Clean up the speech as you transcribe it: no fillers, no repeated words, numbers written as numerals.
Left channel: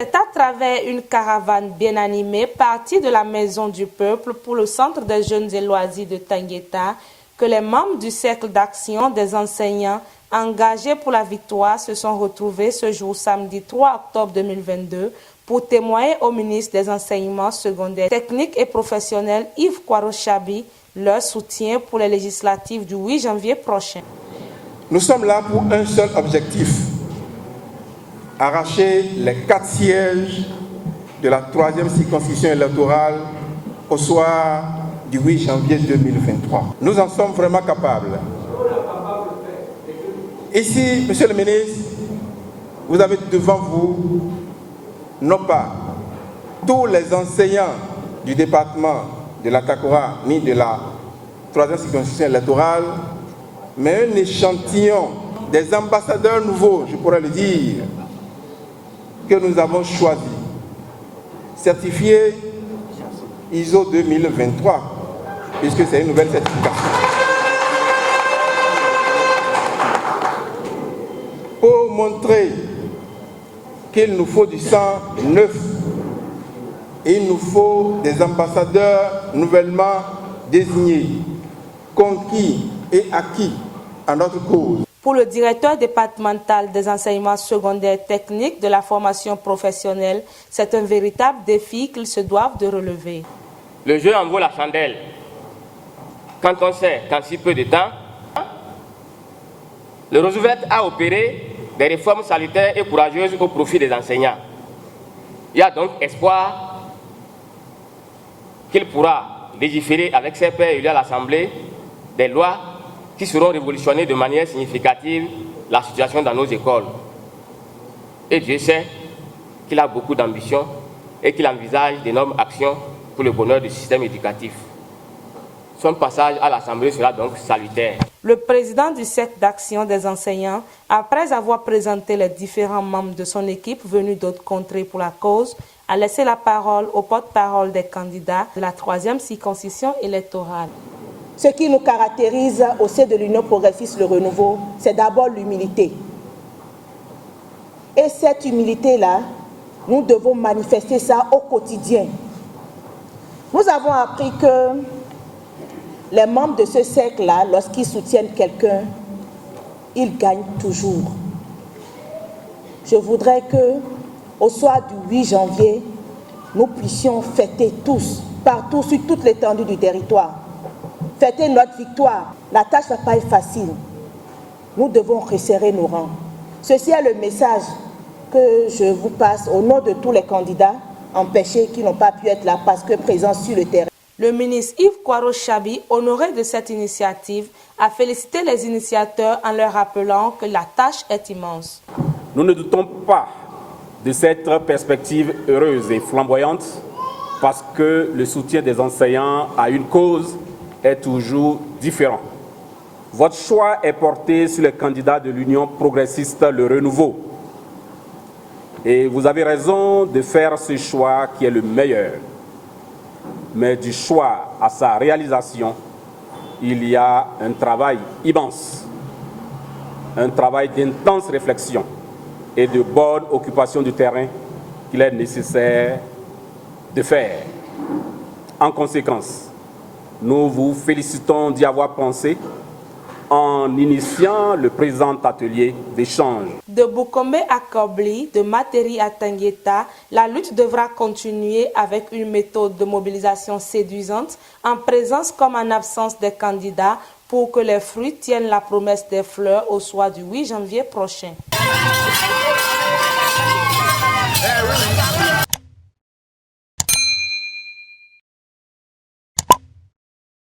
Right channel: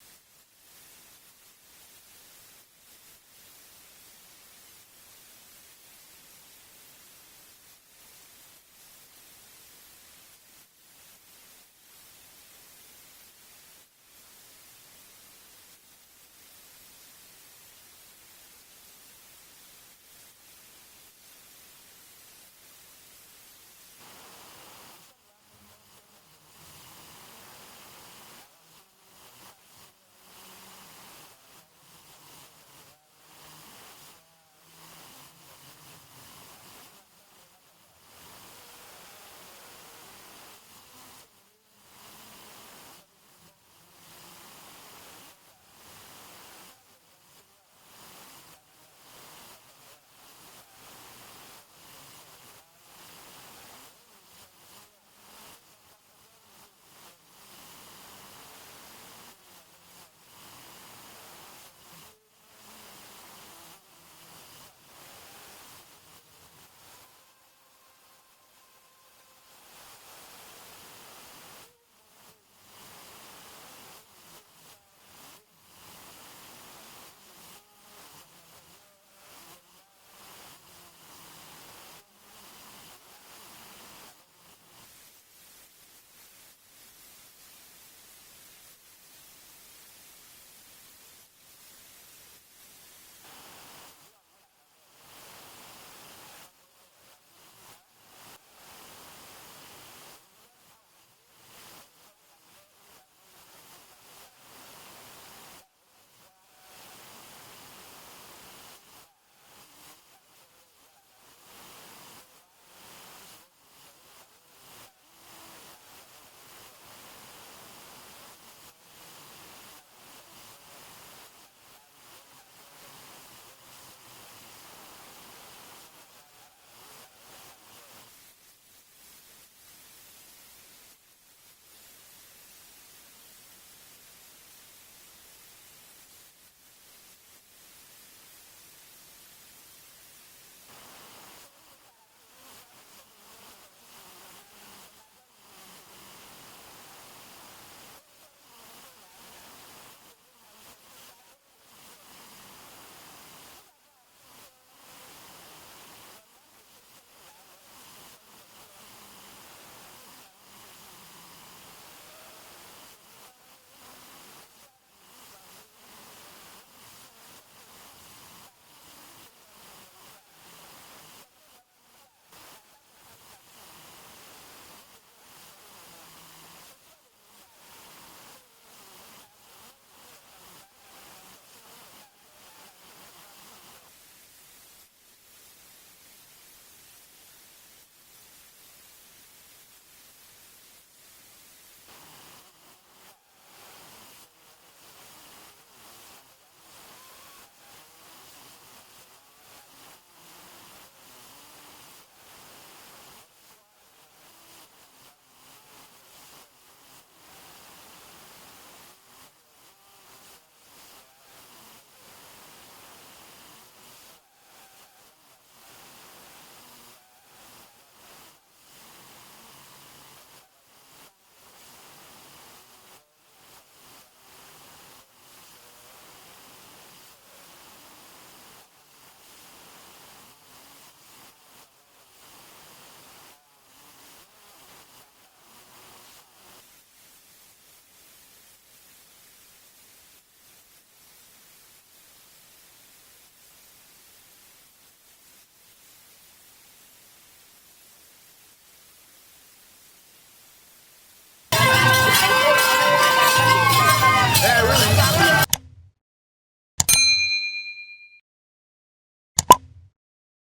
C'est à travers une caravane bien animée partie de la Maison du Peuple pour le Centre des Jeunes et Loisirs de Tangueta que les membres du Cercle d'action des enseignants engagés pour la victoire se sont retrouvés ce jour samedi 3 octobre 2022 pour témoigner au ministre des Enseignements secondaires, techniques et professionnels Yves Kwaro-Chabi leur soutien pour les législatives du 8 janvier prochain. Nous sommes là pour un seul objectif: arracher les 4 sièges de la 3e circonscription électorale au soir du 8 janvier 2023. Nous en sommes vraiment capables. Ici, Monsieur le ministre, vous avez devant vous non pas tous les enseignants du département de la Takora ni de la 3e circonscription électorale, mais un échantillon des ambassadeurs nouveaux, je pourrais le dire, que nous avons choisi, certifié ISO 2023, puisque c'est une nouvelle certification. Pour montrer qu'il nous faut du sang neuf, il nous faut des ambassadeurs nouvellement désignés, conquis et acquis à notre cause. Pour le directeur départemental des enseignements secondaires techniques de la formation professionnelle, c'est un véritable défi qu'ils se doivent de relever. Le jeu en vaut la chandelle. Quand on sait qu'en si peu de temps, le Roosevelt a opéré des réformes salutaires et courageuses au profit des enseignants. Il y a donc espoir qu'il pourra légiférer avec ses pairs élus à l'Assemblée des lois qui seront révolutionner de manière significative la situation dans nos écoles. Et Dieu sait qu'il a beaucoup d'ambition et qu'il envisage d'énormes actions pour le bonheur du système éducatif. Son passage à l'Assemblée sera donc salutaire. Le président du Cercle d'action des enseignants, après avoir présenté les différents membres de son équipe venus d'autres contrées pour la cause, a laissé la parole au porte-parole des candidats de la 3e circonscription électorale. Ce qui nous caractérise au sein de l'Union progressiste Le Renouveau, c'est d'abord l'humilité. Et cette humilité-là, nous devons manifester ça au quotidien. Nous avons appris que les membres de ce cercle-là, lorsqu'ils soutiennent quelqu'un, ils gagnent toujours. Je voudrais qu'au soir du 8 janvier, nous puissions fêter tous, partout, sur toute l'étendue du territoire, fêter notre victoire. La tâche ne va pas être facile. Nous devons resserrer nos rangs. Ceci est le message que je vous passe au nom de tous les candidats empêchés qui n'ont pas pu être là parce que présents sur le terrain. Le ministre Yves Kwaro-Chabi, honoré de cette initiative, a félicité les initiateurs en leur rappelant que la tâche est immense. Nous ne doutons pas de cette perspective heureuse et flamboyante parce que le soutien des enseignants à une cause est toujours différent. Votre choix est porté sur les candidats de l'Union progressiste Le Renouveau. Et vous avez raison de faire ce choix qui est le meilleur. Mais du choix à sa réalisation, il y a un travail immense, un travail d'intense réflexion et de bonne occupation du terrain qu'il est nécessaire de faire. En conséquence, nous vous félicitons d'y avoir pensé en initiant le présent atelier d'échange. De Boukombe à Kobli, de Materi à Tangueta, la lutte devra continuer avec une méthode de mobilisation séduisante, en présence comme en absence des candidats, pour que les fruits tiennent la promesse des fleurs au soir du 8 janvier prochain.